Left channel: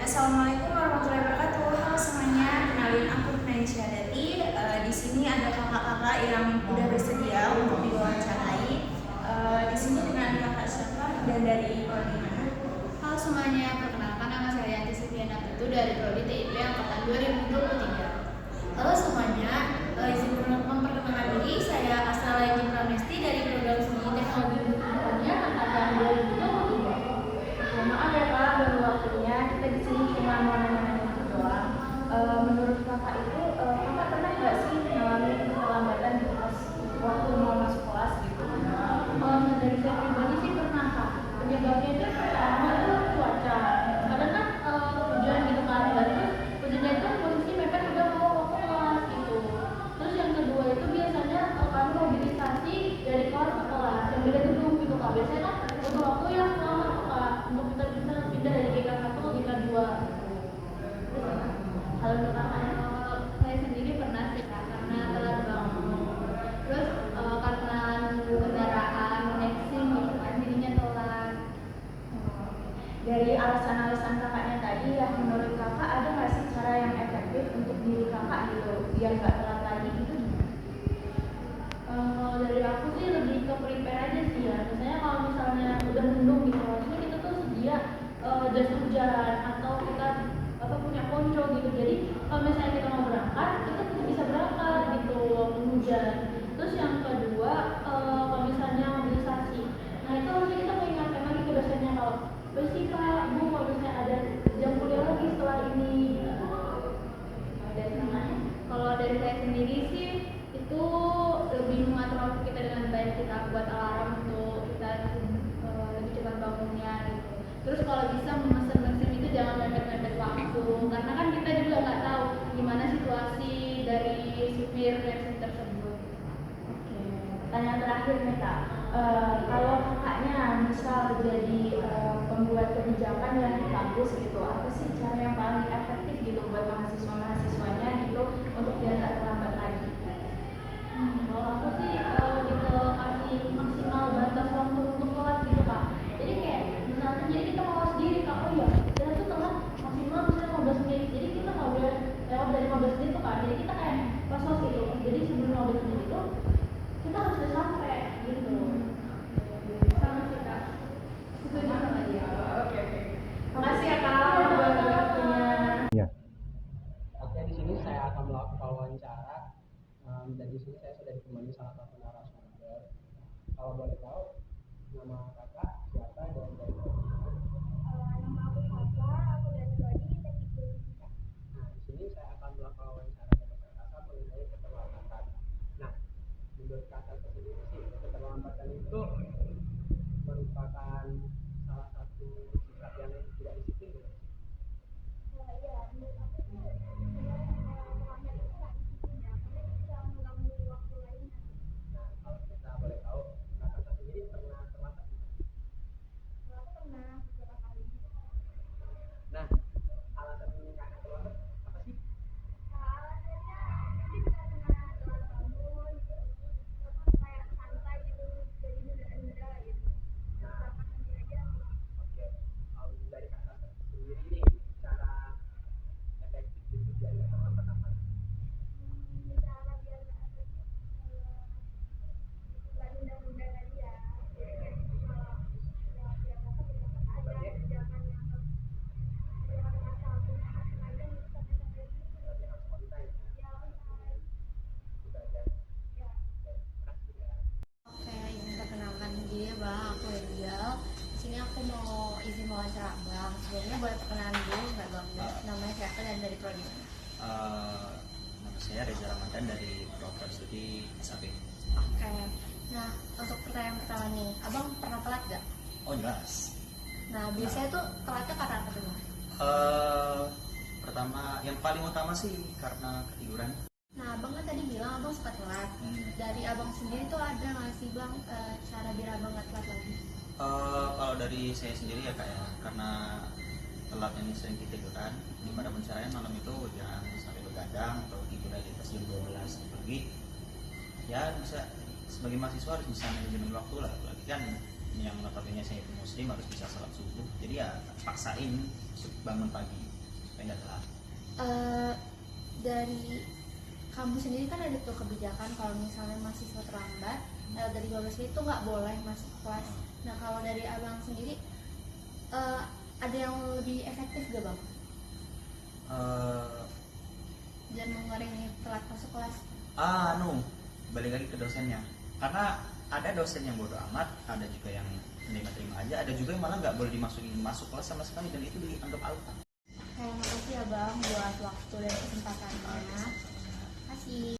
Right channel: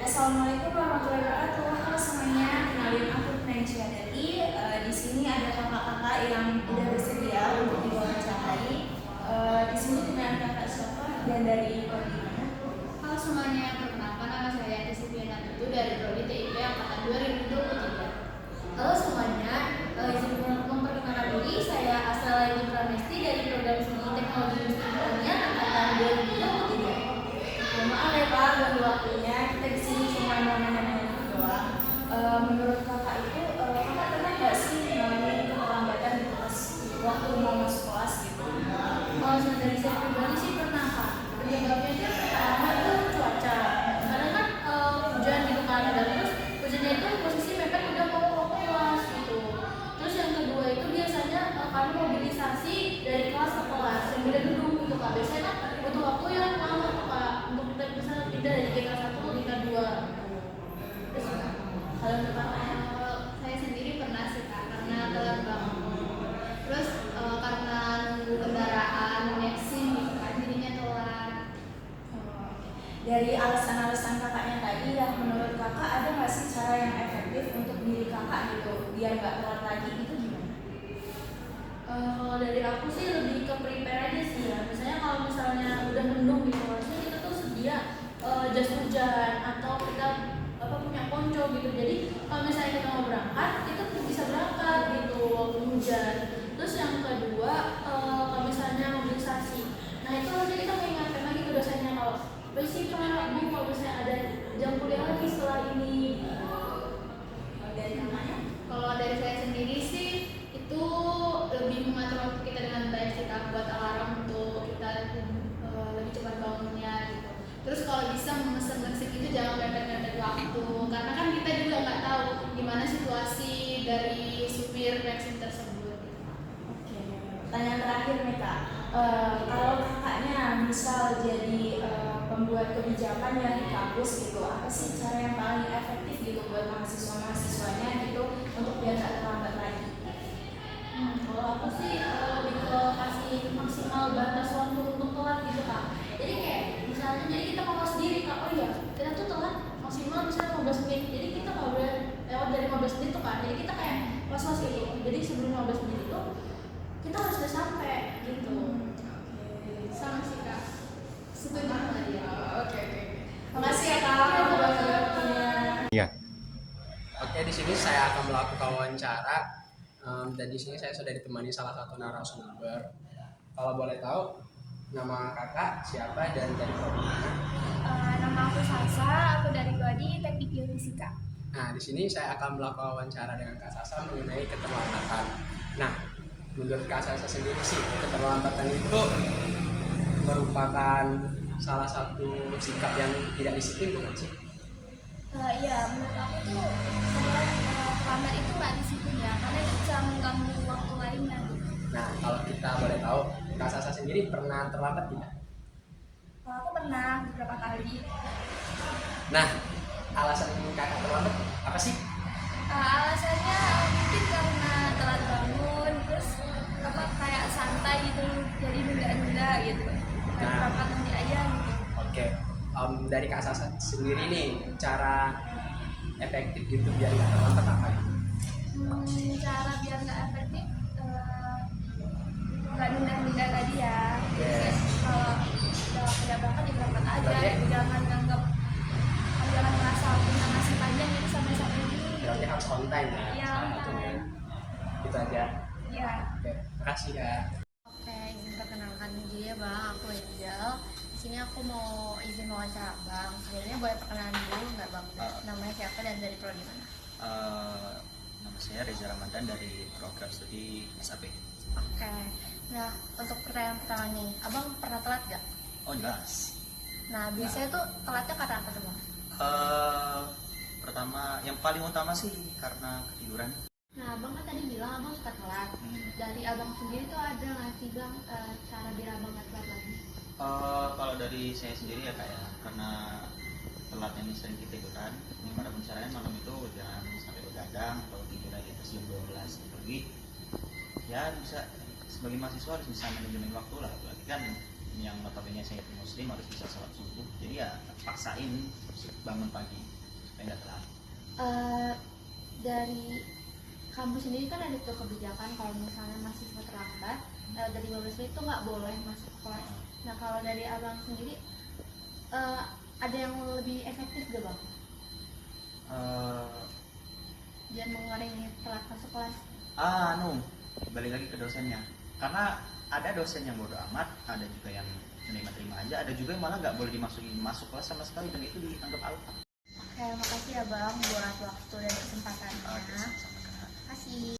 Assalamualaikum warahmatullahi wabarakatuh. Halo semuanya, kenalin aku Naisha Dati. Di sini ada kakak-kakak yang udah bersedia untuk diwawancarai. Di sini dengan kakak siapa dan dari prodi mana? Halo semuanya, perkenalkan nama saya Yanti Setiana Putu dari Prodi TIP Angkatan 2023. Halo semuanya, izin memperkenalkan diri, saya Astra Lagi Pranesti dari Program Studi Teknologi Industri Pertanian Angkatan 2023. Maaf ya Kak, baru waktunya. Kita di sini cuma mau nanya-nanya gitu doang. Menurut kakak itu, kakak pernah nggak sih ngalamin keterlambatan di pas waktu mau masuk kelas gitu? Kalau dari saya pribadi sih pernah Kak. Penyebabnya itu pertama itu cuaca. Kadang kan hujan gitu kan, dan terus hujannya itu posisi mepet udah mau waktu kelas gitu. Terus yang kedua itu biasanya kami mobilisasi dari kelas ke kelas yang beda gedung gitu Kak. Biasanya kan butuh waktu yang lama tuh Kak untuk kita bisa pindah dari GK1 ke GK2 gitu. Terus hal untuk kakaknya? Saya sendiri pernah sih Kak, karena telat bangun. Terus karena nunggu kendaraan naik SIM gitu kan, jadinya telat. Dari alasan-alasan kakaknya tadi ya, menurut kakak ada nggak sih cara yang efektif untuk diri kakak gitu biar nggak telat lagi gitu gimana? Kalau dari aku sih lebih ke prepare aja sih ya. Misalnya kalau misalnya udah mendung gitu, harusnya kita tuh sedia jas hujan atau kita punya ponco gitu. Jadi kalau misalnya kita mau berangkat, kita tuh bisa berangkat gitu walaupun hujan. Terus yang kedua, kalau misalnya mobilisasi, nah itu nanti kita mengingatkan lagi ke dosennya kalau sih Pak, Bu, kalau misalnya ada jam kuliah lagi setelah ini. Dari kakaknya? Kalau dari saya sendiri sih itu lebih mengatur waktu kita dengan baik, kita buat alarm untuk kita lebih cepat bangunnya gitu. Terus kalau bisa memesan mesin itu jangan mepet-mepet waktu, karena kan kita juga nggak tahu gimana situasi dari supir mesin tersebut. Oke, pertanyaan terakhir nih Kak. Kalau kakaknya bisa jadi pembuat kebijakan yang di kampus gitu, apa sih cara yang paling efektif gitu buat mahasiswa-mahasiswanya gitu untuk biar nggak terlambat lagi? Kalau aku sih lebih ke kasih maksimal batas waktu untuk telat gitu Kak. Jadi kayak misalnya jadi kita mau sendiri Kak, oh iya kita tuh telat maksimal misalnya 15 menit. Jadi kita nggak boleh lewat dari 15 menit tuh Kak. Jadi kita kayak was-was gitu. Jadi sebelum 15 menit itu kita harus udah sampai gitu. Sama sih Kak, setuju sama dia. Oke. Makasih ya Kak buat waktunya. Iya. Oke, di sini saya akan melakukan wawancara. Dan di sini saya sudah ditemani salah satu narasumber. Kalau boleh tahu, nama kakak siapa dan dari prodi mana? Nama aku Salsa, aku dari Prodi Teknik Geofisika. Nah, di sini saya akan melakukan wawancara dengan Kak Sasa mengenai keterlambatan. Nah, menurut Kak Sasa sendiri sih, keterlambatan itu merupakan salah satu sikap yang tidak disiplin, bukan sih? Iya, menurut aku tuh saya terlambat itu nggak disiplin ya, karena itu bisa mengganggu waktu lainnya. Nah, kalau kita boleh tahu, Kak Sasa sendiri pernah terlambat tidak? Aku pernah beberapa kali. Nah, alasan kakak terlambat apa sih? Alasannya mungkin karena telat bangun, terus kayak santai gitu, jadi nunda-nunda gitu. Kayak berangkat nanti aja gitu. Oke, dari Kak Sasa sendiri nih, cara efektif gitu biar nggak terlambat apa ya? Cara biar nggak efektif, nggak nunda-nunda tadi ya. Yes. Kalau udah berangkat ya berangkat aja, Berarti- jangan merasa punya masih panjang jadi sampai dulu. Berarti harus on time ya? Iya, on time. Itu aja. Iya. Oke, makasih ya. Oke, izin perkenalkan diri ya Bang, aku Angel. Di sini aku mau izin wawancara Bang. Sebelumnya boleh perkenalan dulu nggak Bang? Namanya siapa dan dari prodi mana? Nama saya Reza Ramadan dari program studi SAP. Oke, nah untuk pertanyaan pertama nih, Abang pernah telat nggak? Oh jelas. Nah biasanya tuh telatnya karena apa tuh Bang? Pertama, yang paling utama sih karena ketiduran. Nah Abang kan tadi bilang Abang suka telat. Dari Abang sendiri tuh ada nggak sih Bang cara biar Abang nggak telat lagi? Kalau dari saya sendiri ya kayak karena telat ini sering ketiduran. Gimana caranya malam itu jangan sampai begadang atau tidur di atas jam 12 pagi. Ya bisa sebagai mahasiswa harus bisa manajemen waktu lah. Berarti kan yang notabene saya muslim harus bisa sholat subuh. Jadi ya paksain bangun pagi. supaya nggak telat? Dari kampus sendiri kan ada tuh kebijakan kalau misalnya mahasiswa terlambat dari 12 menit itu nggak boleh masuk kelas. Nah kalau dari abang sendiri ada yang lebih efektif gak bang? Biar mengurangi telat masuk kelas. Balik lagi ke dosennya, karena ada dosen yang bodo amat, ada juga yang terima aja, ada juga yang malah nggak boleh dimasukin masuk kelas sama sekali dan itu dianggap alfa. Oke, makasih ya bang buat waktu dan kesempatannya. Sama-sama. Makasih.